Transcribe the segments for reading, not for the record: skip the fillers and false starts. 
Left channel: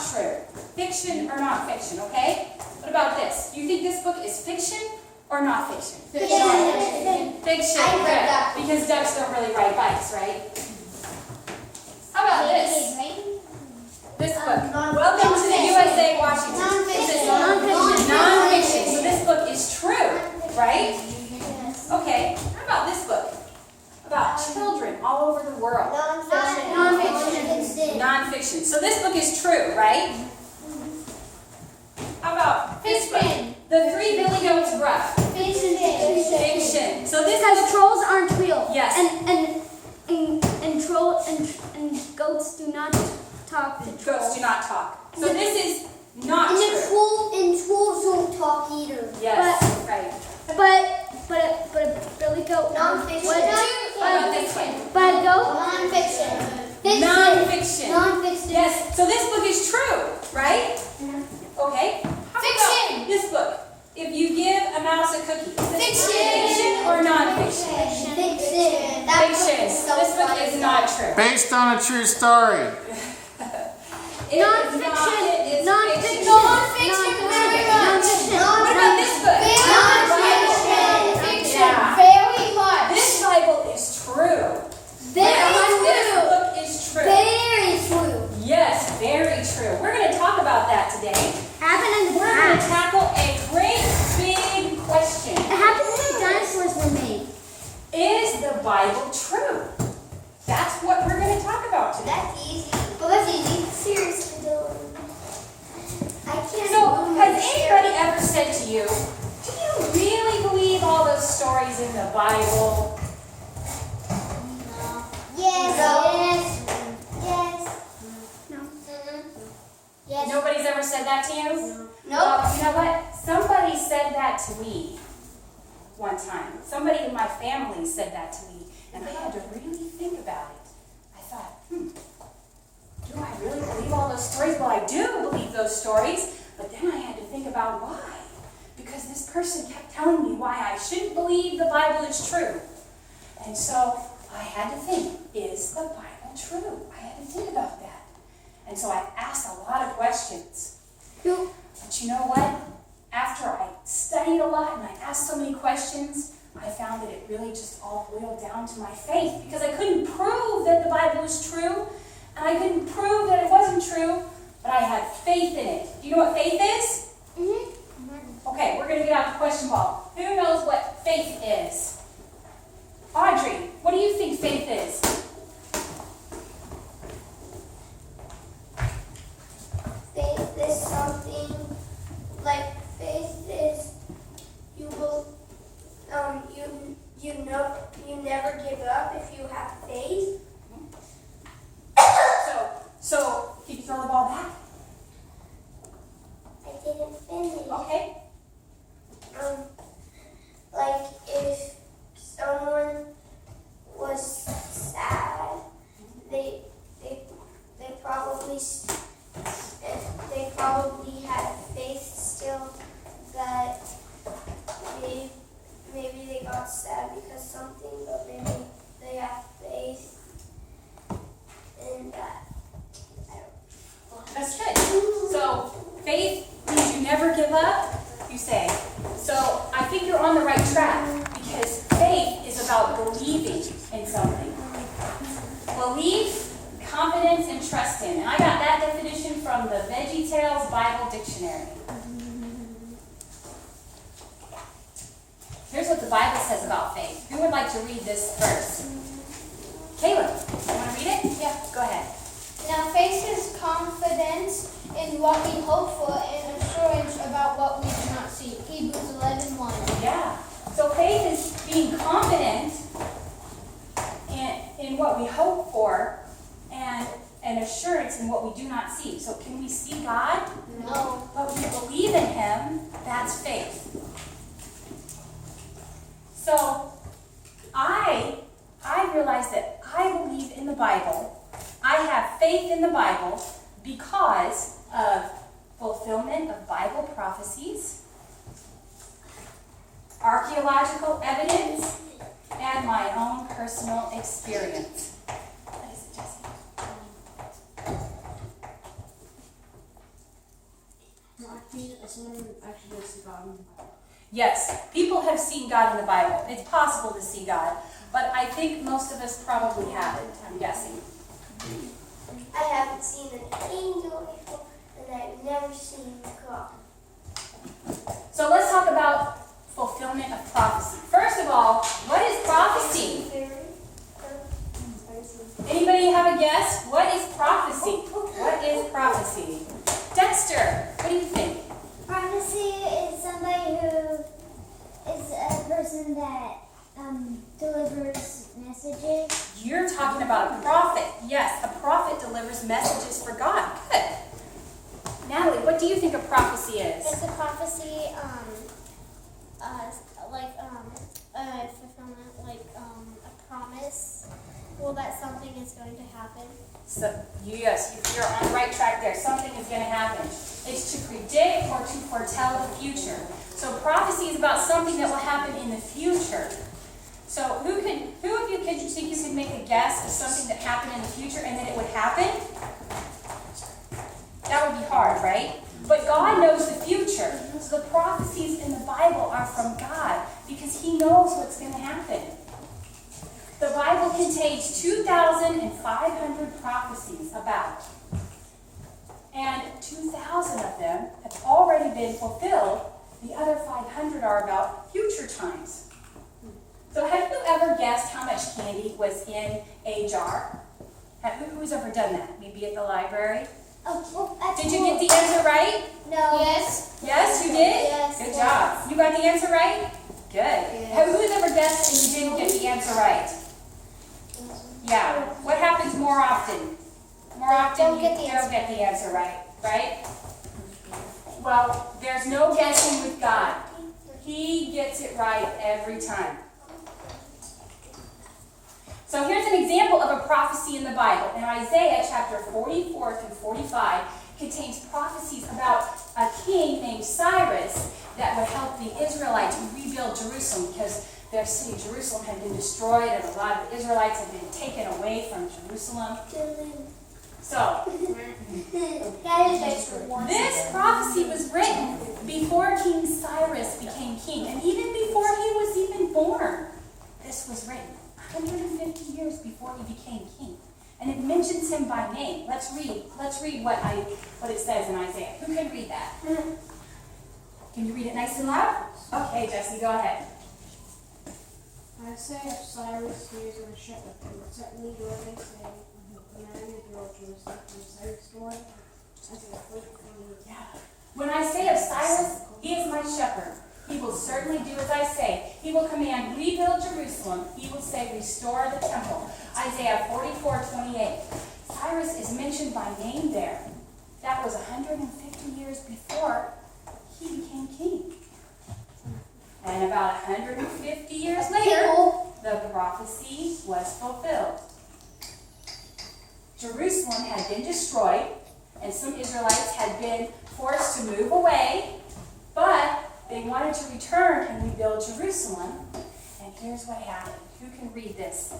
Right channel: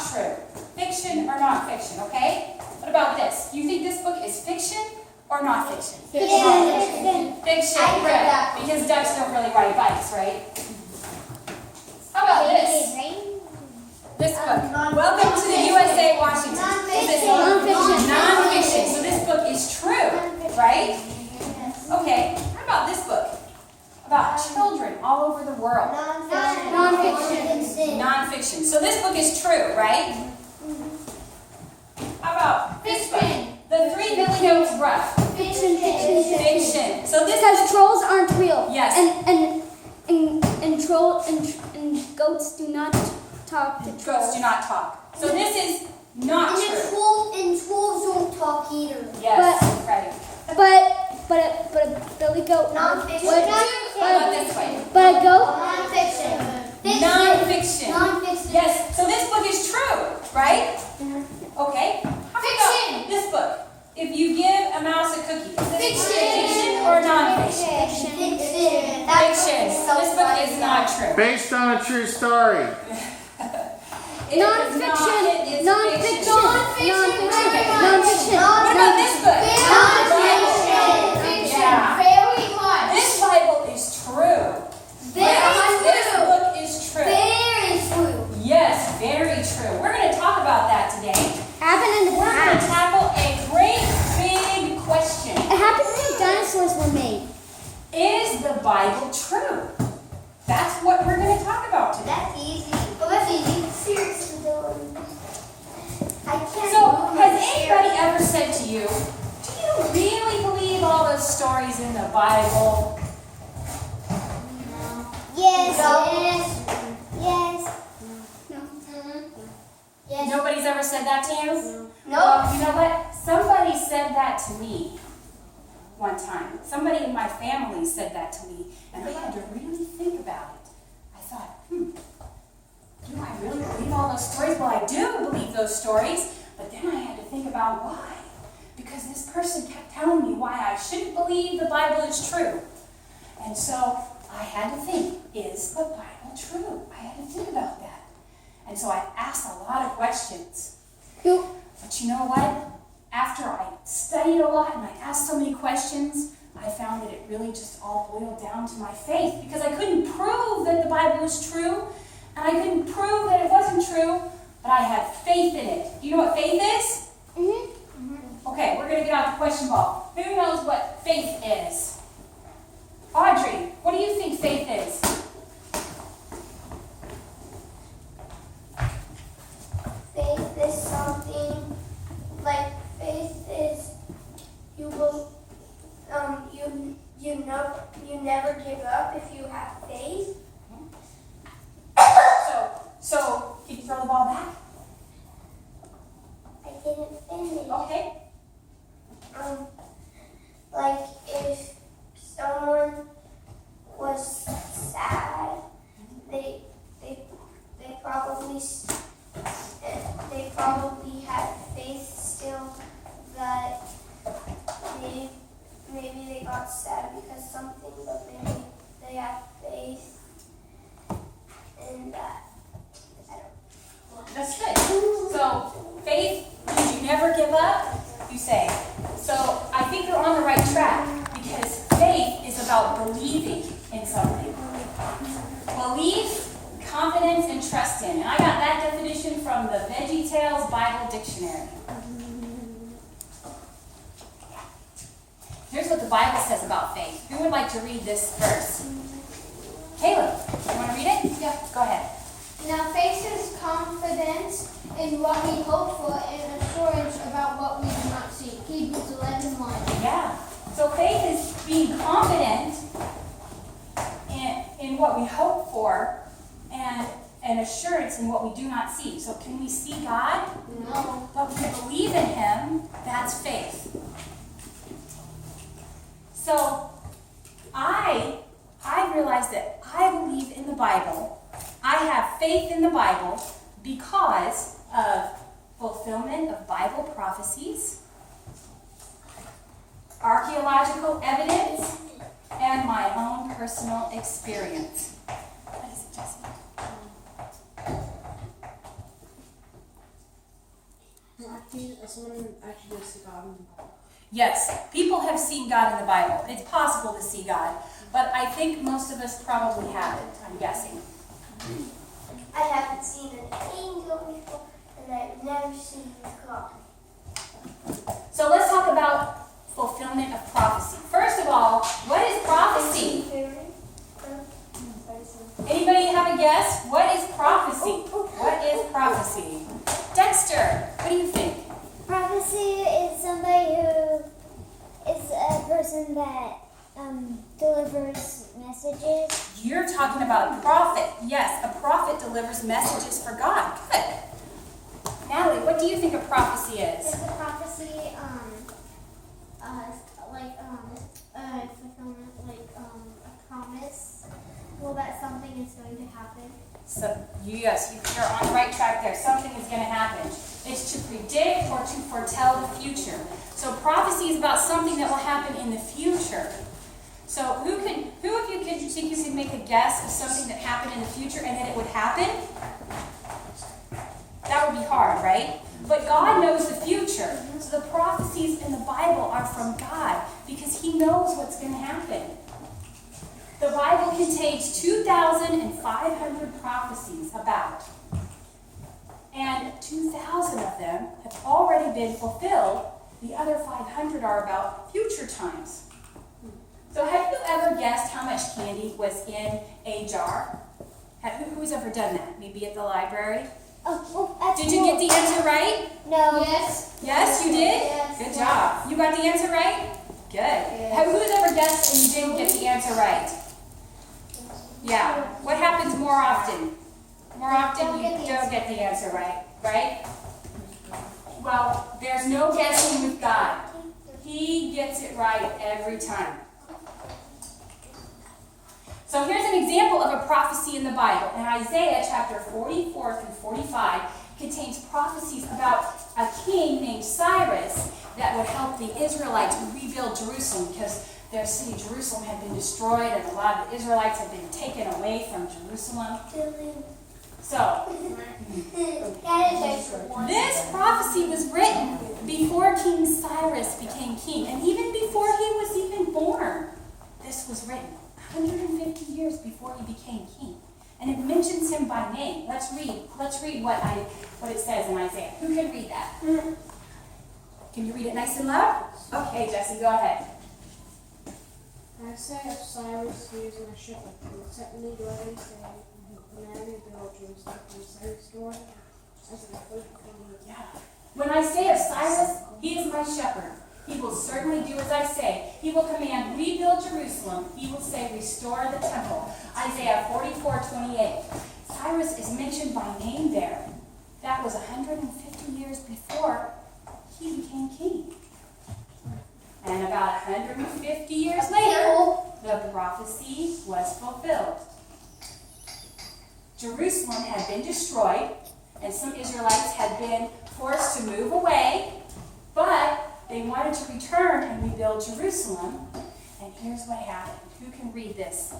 not true? Fiction or non-fiction, okay? What about this? Do you think this book is fiction or not fiction? Fiction. Fiction, I read good. that. Because ducks don't really ride bikes, right? How about this? This book. Welcome to the USA Washington. Is it non-fiction? So this book is true, right? Okay. How about this book? About children all over the world. Non-fiction. Non-fiction. So this book is true, right? How about this book? The Three Billy Goats Gruff. Fiction. So this Because book, trolls aren't real. Yes. And goats do not talk to trolls. goats do not talk. So this is not true. Trolls don't talk either. Yes, right. But a billy goat. Non-fiction. What? How about this way? But a goat. Non-fiction. Non-fiction. Non-fiction. Yes. So this book is true, right? Okay. How Fiction. about this book? If you give a mouse a cookie, is this fiction or non-fiction? Fiction. Fiction. This book is not true. Based on a true story. It is not. It is fiction. Non-fiction. What about this book? Fiction. Yeah. Very much. This Bible is true. This book is true. Very true. Yes, very true. We're going to talk about that today. Happened in the We're going to past. tackle a great big question. It happened when dinosaurs were made. Is the Bible true? That's what we're going to talk about today. That's easy. Well, that's easy. Seriously, though. I can't. So, has anybody ever said to you, do you really believe all those stories in the Bible? Yes. Yes. Yes. Nobody's ever said that to you? No. Well, you know what? Somebody said that to me one time. Somebody in my family said that to me, and I had to really think about it. I thought, do I really believe all those stories? Well, I do believe those stories, but then I had to think about why. Because this person kept telling me why I shouldn't believe the Bible is true. And so I had to think, is the Bible true? I had to think about that. And so I asked a lot of questions. But you know what? After I studied a lot and I asked so many questions, I found that it really just all boiled down to my faith, because I couldn't prove that the Bible was true, and I couldn't prove that it wasn't true, but I had faith in it. Do you know what faith is? Okay, we're going to get out the question ball. Who knows what faith is? Audrey, what do you think faith is? Faith is something like you never give up if you have faith. So can you throw the ball back? I didn't finish. Okay. Like if someone was sad, they probably had faith still that maybe they got sad because something, but maybe they have faith in that. That's good. So faith means you never give up, you say. So I think you're on the right track, because faith is about believing in something. Belief, confidence, and trust in. And I got that definition from the VeggieTales Bible Dictionary. Here's what the Bible says about faith. Who would like to read this verse? Caleb, you want to read it? Yeah. Go ahead. Now faith is confidence in what we hope for and assurance about what we do not see. Hebrews 11:1. Yeah. So faith is being confident in what we hope for, and an assurance in what we do not see. So can we see God? No. But we believe in Him. That's faith. So I realize that I believe in the Bible. I have faith in the Bible because of fulfillment of Bible prophecies, archaeological evidence, and my own personal experience. What is it, Jesse? someone actually does see God in the Bible? Yes, people have seen God in the Bible. It's possible to see God, but I think most of us probably haven't, I'm guessing. I haven't seen an angel before, and I've never seen God. So let's talk about fulfillment of prophecy. First of all, what is prophecy? Anybody have a guess? What is prophecy? What is prophecy? Dexter, what do you think? Prophecy is somebody who is a person that delivers messages. You're talking about a prophet. Yes, a prophet delivers messages for God. Good. Natalie, what do you think a prophecy is? Is a prophecy fulfillment, a promise? Well, that something is going to happen. So, yes, you're on the right track there. Something is going to happen. It's to predict or to foretell the future. So prophecy is about something that will happen in the future. So who of you think you could make a guess of something that happened in the future and that it would happen? That would be hard, right? But God knows the future. So the prophecies in the Bible are from God because He knows what's going to happen. The Bible contains 2,500 prophecies about. And 2,000 of them have already been fulfilled. The other 500 are about future times. So have you ever guessed how much candy was in a jar? Who's ever done that? Maybe at the library? Did you get the answer right? No. Yes. Yes, you did? Yes. Good job. You got the answer right? Good. Yes. Who's ever guessed and you didn't get the answer right? Yeah. What happens more often? More often you don't get the answer right, right? Well, there's no guessing with God. He gets it right every time. So here's an example of a prophecy in the Bible. In Isaiah chapter 44 through 45 contains prophecies about a king named Cyrus that would help the Israelites rebuild Jerusalem because their city Jerusalem had been destroyed and a lot of the Israelites had been taken away from Jerusalem. So this prophecy was written before King Cyrus became king and even before he was even born. This was written 150 years before he became king. And it mentions him by name. Let's read what it says in Isaiah. Who can read that? Can you read it nice and loud? Okay, Jesse, go ahead. I say of Cyrus, he is a shepherd, who set me dwelling, saying, when I rebuild Jerusalem, from Cyrus' door, as an appointed for me. Yeah. When I say of Cyrus, he is my shepherd. He will certainly do as I say. He will command, rebuild Jerusalem. He will say, restore the temple. Isaiah 44:28. Cyrus is mentioned by name there. That was 150 years before he became king. And about 150 years later, the prophecy was fulfilled. Jerusalem had been destroyed, and some Israelites had been forced to move away, but they wanted to return and rebuild Jerusalem. And here's what happened. Who can read this?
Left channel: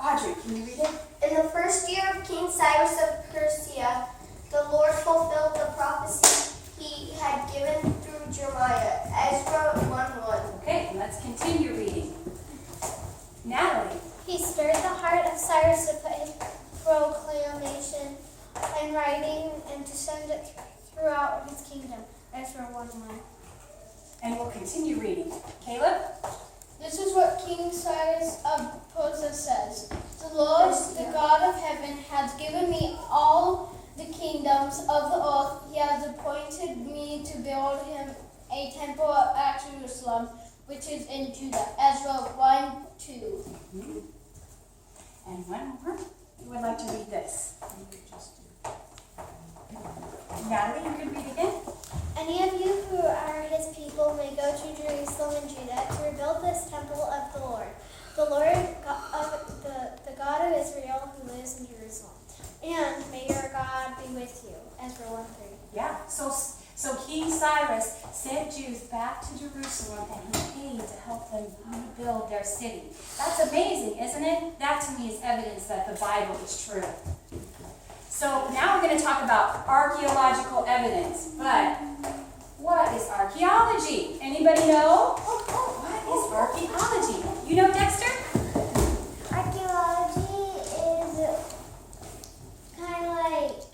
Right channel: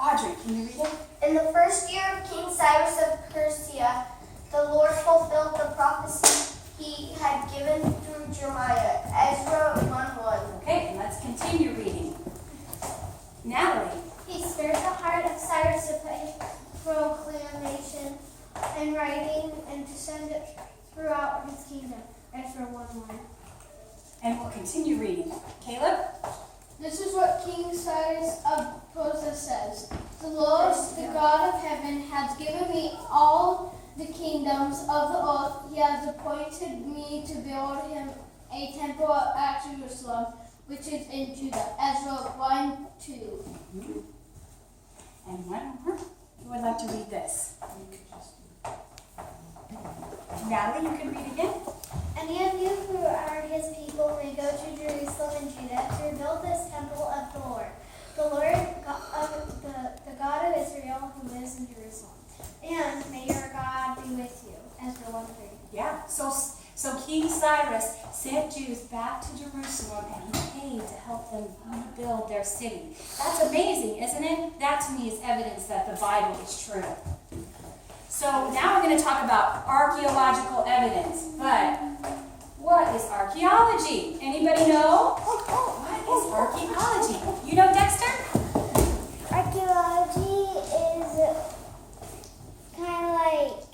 Audrey, can you read it? In the first year of King Cyrus of Persia, the Lord fulfilled the prophecy He had given through Jeremiah. Ezra 1:1. Okay, let's continue reading. Natalie. He stirred the heart of Cyrus to put his proclamation in writing and to send it throughout his kingdom. Ezra 1:1. And we'll continue reading. Caleb? This is what King Cyrus of Persia says. The Lord, the God of heaven, has given me all the kingdoms of the earth. He has appointed me to build him a temple at Jerusalem, which is in Judah. Ezra 1:2. And one more. Who would like to read this? Natalie, you can read again. Any of you who are his people may go to Jerusalem and Judah to rebuild this temple of the Lord the God of Israel who lives in Jerusalem. And may your God be with you. Ezra 1:3. Yeah, so King Cyrus sent Jews back to Jerusalem and he paid to help them rebuild their city. That's amazing, isn't it? That to me is evidence that the Bible is true. So now we're going to talk about archaeological evidence. But what is archaeology? Anybody know? What is archaeology? You know, Dexter? Archaeology is kind of like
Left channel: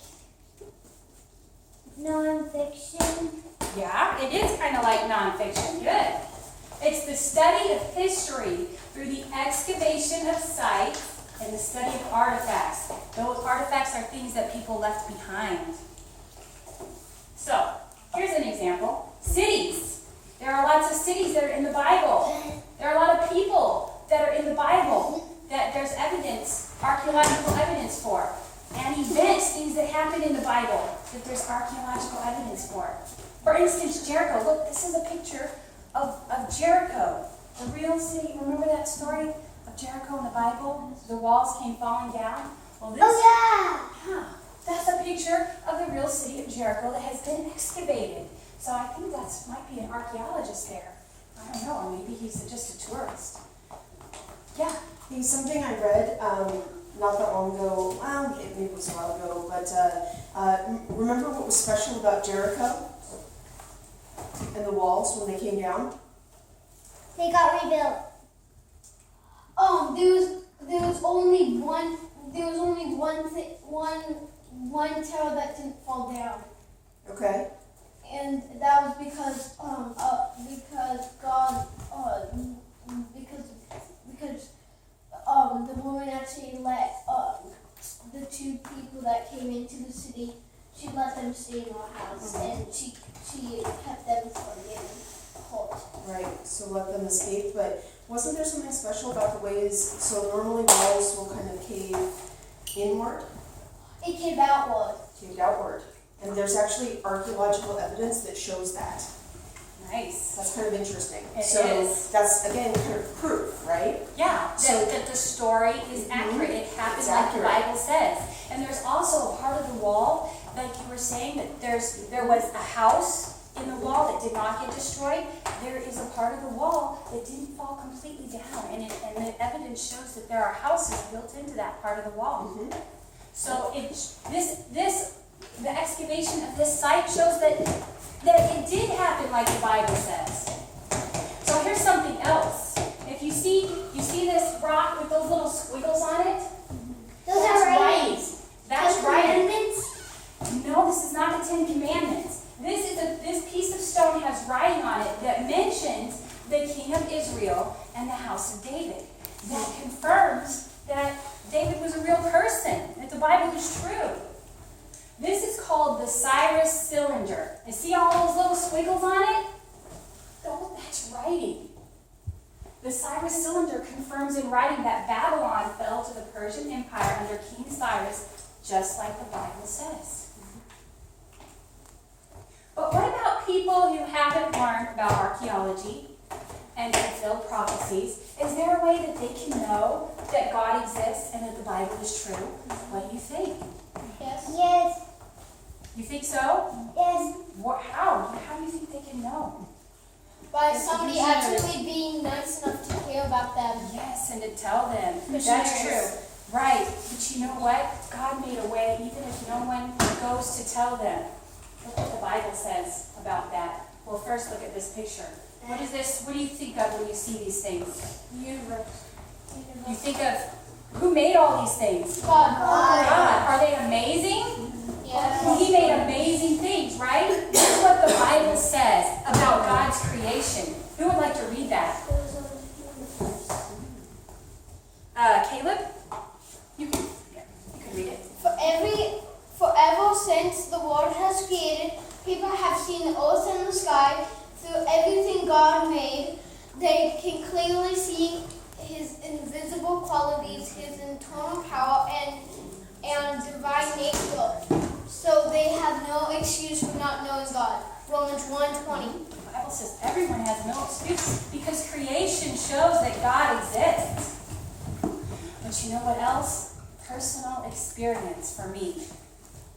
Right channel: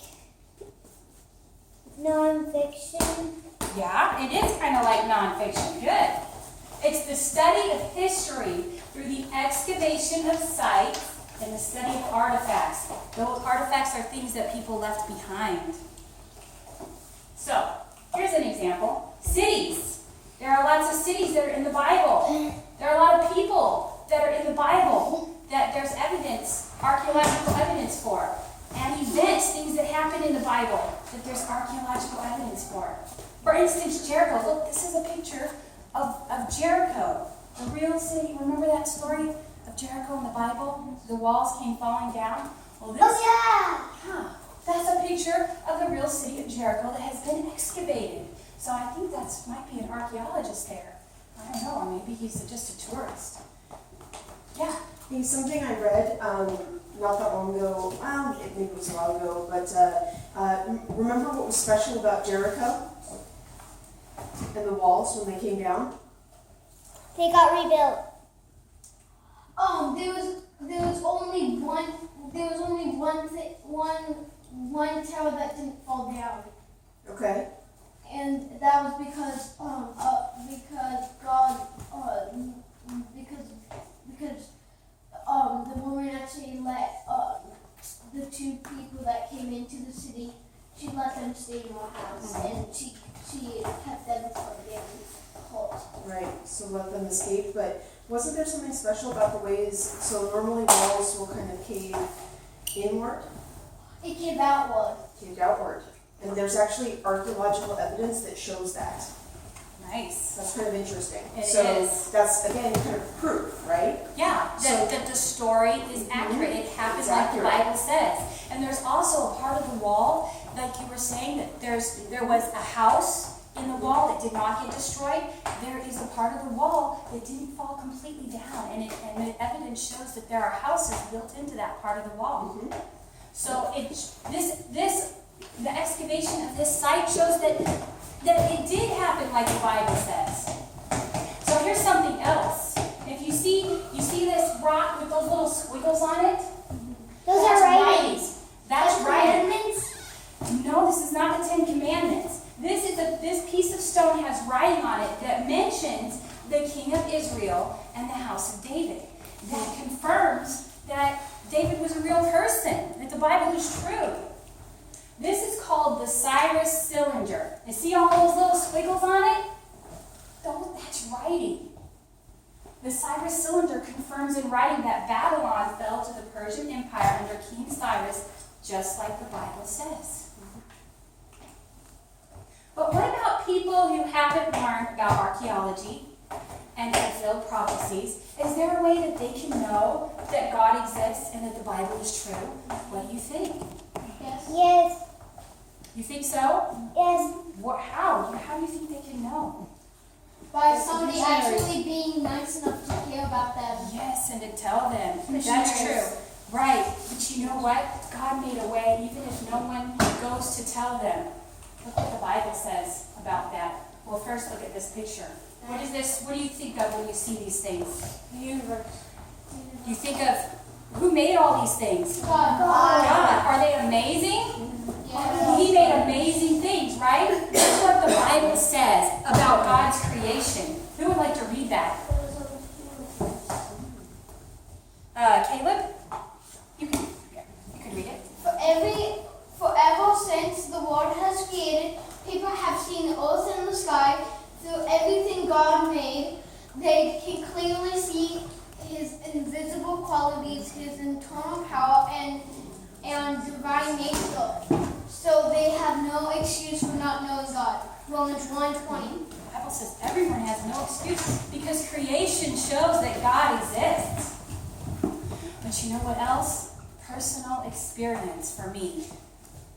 non-fiction. Yeah, it is kind of like nonfiction. Good. It's the study of history through the excavation of sites and the study of artifacts. Those artifacts are things that people left behind. So, here's an example. Cities. There are lots of cities that are in the Bible. There are a lot of people that are in the Bible that there's evidence, archaeological evidence for. And events, things that happen in the Bible, that there's archaeological evidence for. For instance, Jericho. Look, this is a picture of Jericho, the real city. Remember that story of Jericho in the Bible? The walls came falling down. Well, this, yeah, that's a picture of the real city of Jericho that has been excavated. So I think that might be an archaeologist there. I don't know, or maybe he's just a tourist. Yeah. Hey, something I read not that long ago, well, maybe it was a while ago, but remember what was special about Jericho and the walls when they came down? They got rebuilt. There was only one tower that didn't fall down, Okay. and that was because God the woman actually let the two people that came into the city, she let them stay in her house, and she kept them from getting caught. Right, so let them escape, but wasn't there something special about the ways, so normally walls will kind of cave inward, It came outward. caved outward, and there's actually archaeological evidence that shows that. Nice. That's kind of interesting. It So is. that's, again, kind of proof, right? Yeah, So- that the story is accurate. It happened It's like the accurate. Bible says. And there's also a part of the wall, like you were saying, that there was a house in the wall that did not get destroyed. There is a part of the wall that didn't fall completely down, and the evidence shows that there are houses built into that part of the wall. Mhm. So the excavation of this site shows that it did happen like the Bible says. So here's something else. If you see this rock with those little squiggles on it, Those that's are writings. writing. That's writing. No, this is not the Ten Commandments. This piece of stone has writing on it that mentions the king of Israel and the house of David. That confirms that David was a real person, that the Bible is true. This is called the Cyrus cylinder. You see all those little squiggles on it? That's writing. The Cyrus cylinder confirms in writing that Babylon fell to the Persian Empire under King Cyrus, just like the Bible says. But what about people who haven't learned about archaeology and fulfilled prophecies? Is there a way that they can know that God exists and that the Bible is true? What do you think? Yes. Yes. You think so? Yes. How? How do you think they can know? By somebody actually being nice enough to care about them. Yes, and to tell them. That's Missionaries. true. Right. But you know what? God made a way even if no one goes to tell them. Look what the Bible says about that. Well, first look at this picture. What is this? What do you think of when you see these things? The universe. You think of who made all these things? God. God. Are they amazing? Yeah. He made amazing things, right? That's what the Bible says about God's creation. Who would like to read that? Caleb? You can read it. Forever since the world has created, people have seen the earth and the sky. Through everything God made, they can clearly see His invisible qualities, His internal power, and divine nature. So they have no excuse for not knowing God. Romans 1:20. The Bible says everyone has no excuse because creation shows that God exists. But you know what else? Personal experience for me.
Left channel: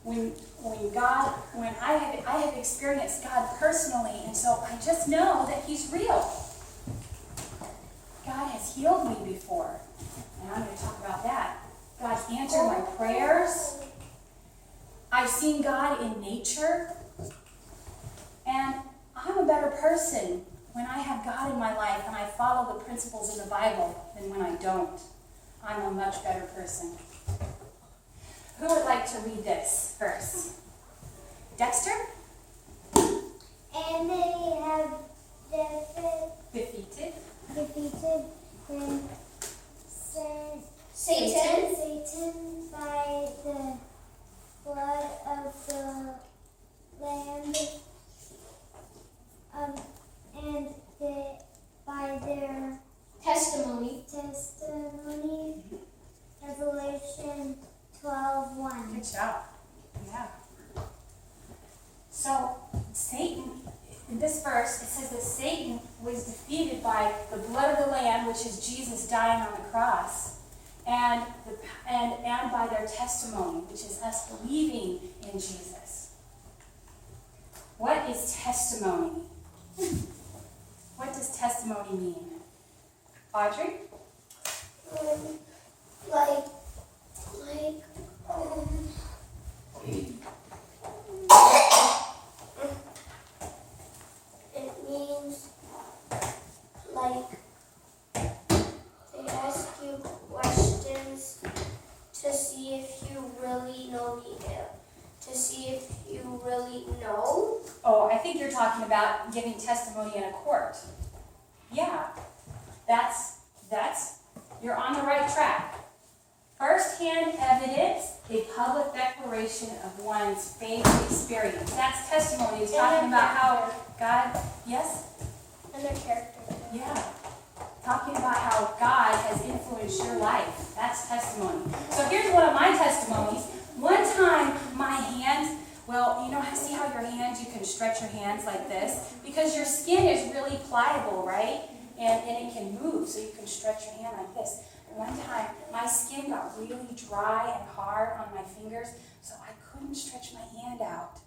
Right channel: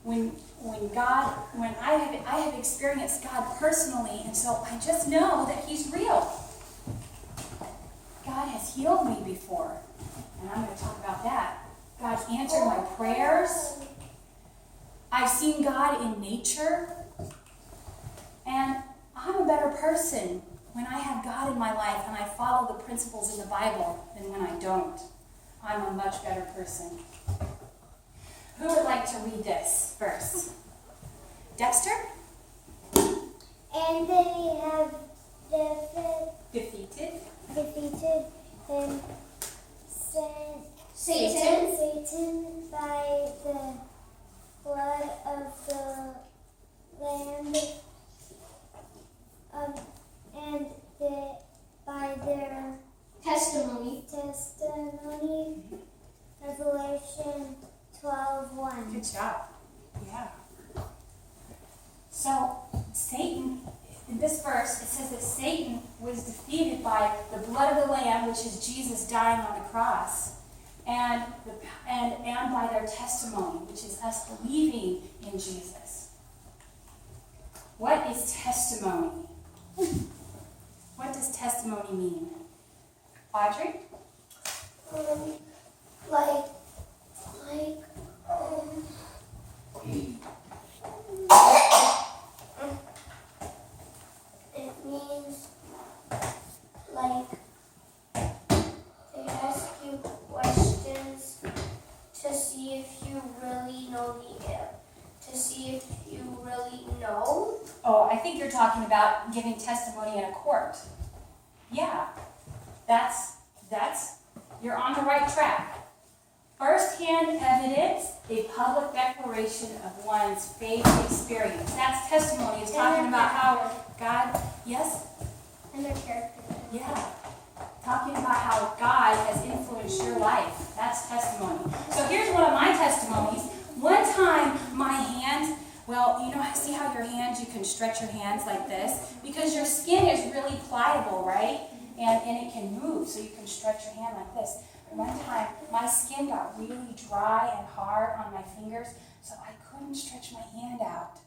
When I have experienced God personally, and so I just know that He's real. God has healed me before, and I'm going to talk about that. God's answered my prayers. I've seen God in nature. And I'm a better person when I have God in my life and I follow the principles in the Bible than when I don't. I'm a much better person. Who would like to read this verse? Dexter? And they have Defeated. defeated him, Satan. by the blood of the Lamb and by their Testimony. testimony. Revelation 12:1. Good job. Yeah. So, Satan, in this verse, it says that Satan was defeated by the blood of the Lamb, which is Jesus dying on the cross, and by their testimony, which is us believing in Jesus. What is testimony? What does testimony mean? Audrey? It means like they ask you questions to see if you really know to see if you really know. Oh, I think you're talking about giving testimony in a court. Yeah, you're on the right track. First-hand evidence, a public declaration of one's faith experience. That's testimony. It's talking about how God, yes? And their character. Yeah. Talking about how God has influenced your life. That's testimony. So here's one of my testimonies. One time, my hand, well, you know, see how your hands, you can stretch your hands like this? Because your skin is really pliable, right? And it can move, so you can stretch your hand like this. And one time, my skin got really dry and hard on my fingers, so I couldn't stretch my hand out.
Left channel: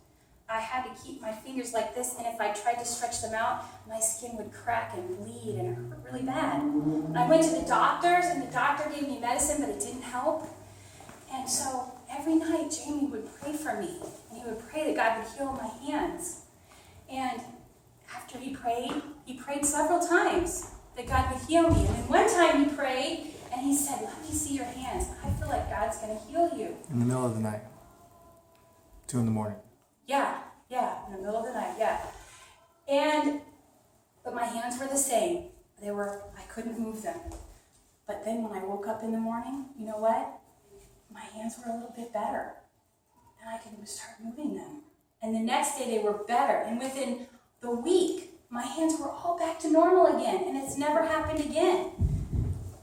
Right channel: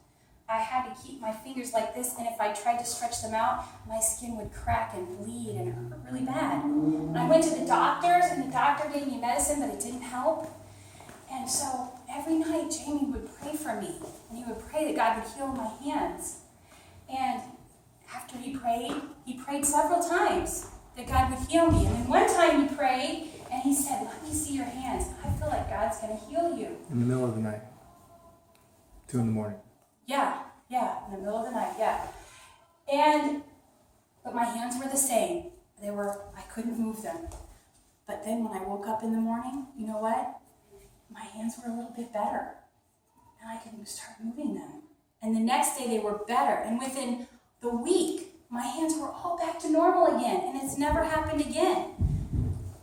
I had to keep my fingers like this, and if I tried to stretch them out, my skin would crack and bleed and hurt really bad. And I went to the doctors, and the doctor gave me medicine, but it didn't help. And so every night, Jamie would pray for me, and he would pray that God would heal my hands. And after he prayed several times that God would heal me. And then one time he prayed, and he said, "Let me see your hands. I feel like God's going to heal you." In the middle of the night. 2 a.m. Yeah, in the middle of the night, yeah. But my hands were the same. I couldn't move them. But then when I woke up in the morning, you know what? My hands were a little bit better. And I could start moving them. And the next day they were better. And within the week, my hands were all back to normal again. And it's never happened again.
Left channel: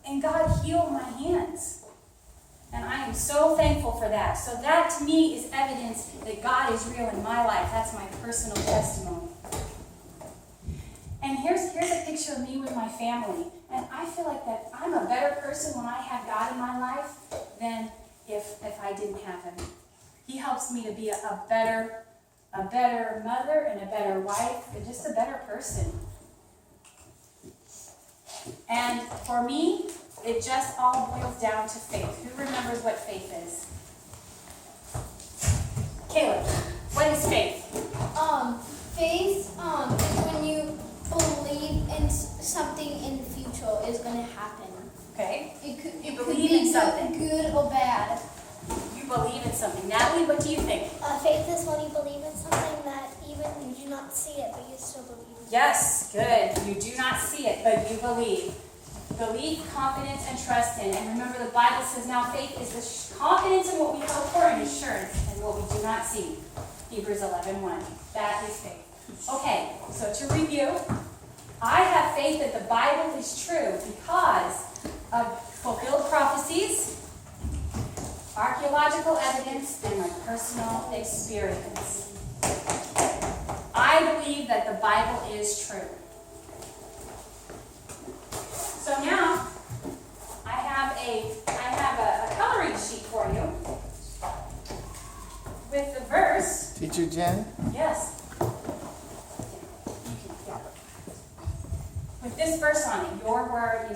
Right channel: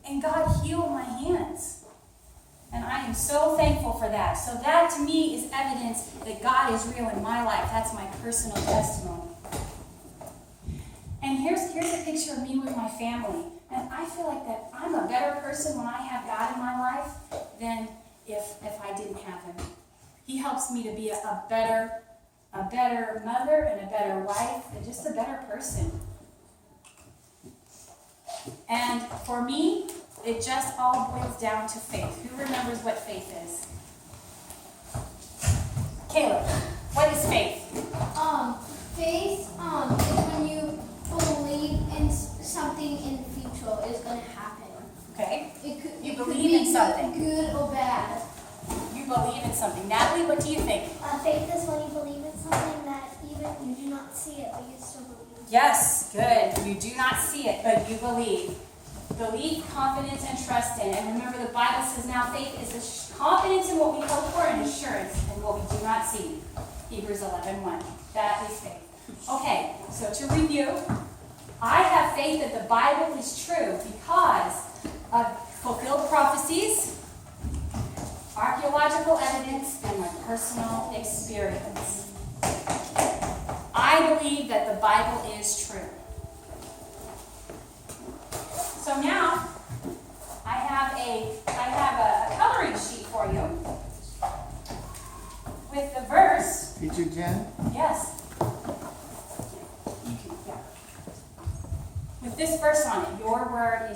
And God healed my hands. And I am so thankful for that. So that to me is evidence that God is real in my life. That's my personal testimony. And here's a picture of me with my family. And I feel like that I'm a better person when I have God in my life than if I didn't have him. He helps me to be a better mother and a better wife and just a better person. And for me, it just all boils down to faith. Who remembers what faith is? Caleb, what is faith? Faith is when you believe in something in the future is going to happen. Okay. It believe could be in something. good or bad. You believe in something. Natalie, what do you think? Faith is when you believe in something that even you do not see it, but you still believe. Yes, good. You do not see it, but you believe. Belief, confidence, and trust in. And remember, the Bible says now faith is the confidence in what we hope for and assurance in what we do not see. Hebrews 11:1. That is faith. Okay, so to review, I have faith that the Bible is true because of fulfilled prophecies, archaeological evidence, and my personal experience. I believe that the Bible is true. So now, I have a coloring sheet for you with the verse. Teacher Jen? Yes. Yeah. With this verse on it, your word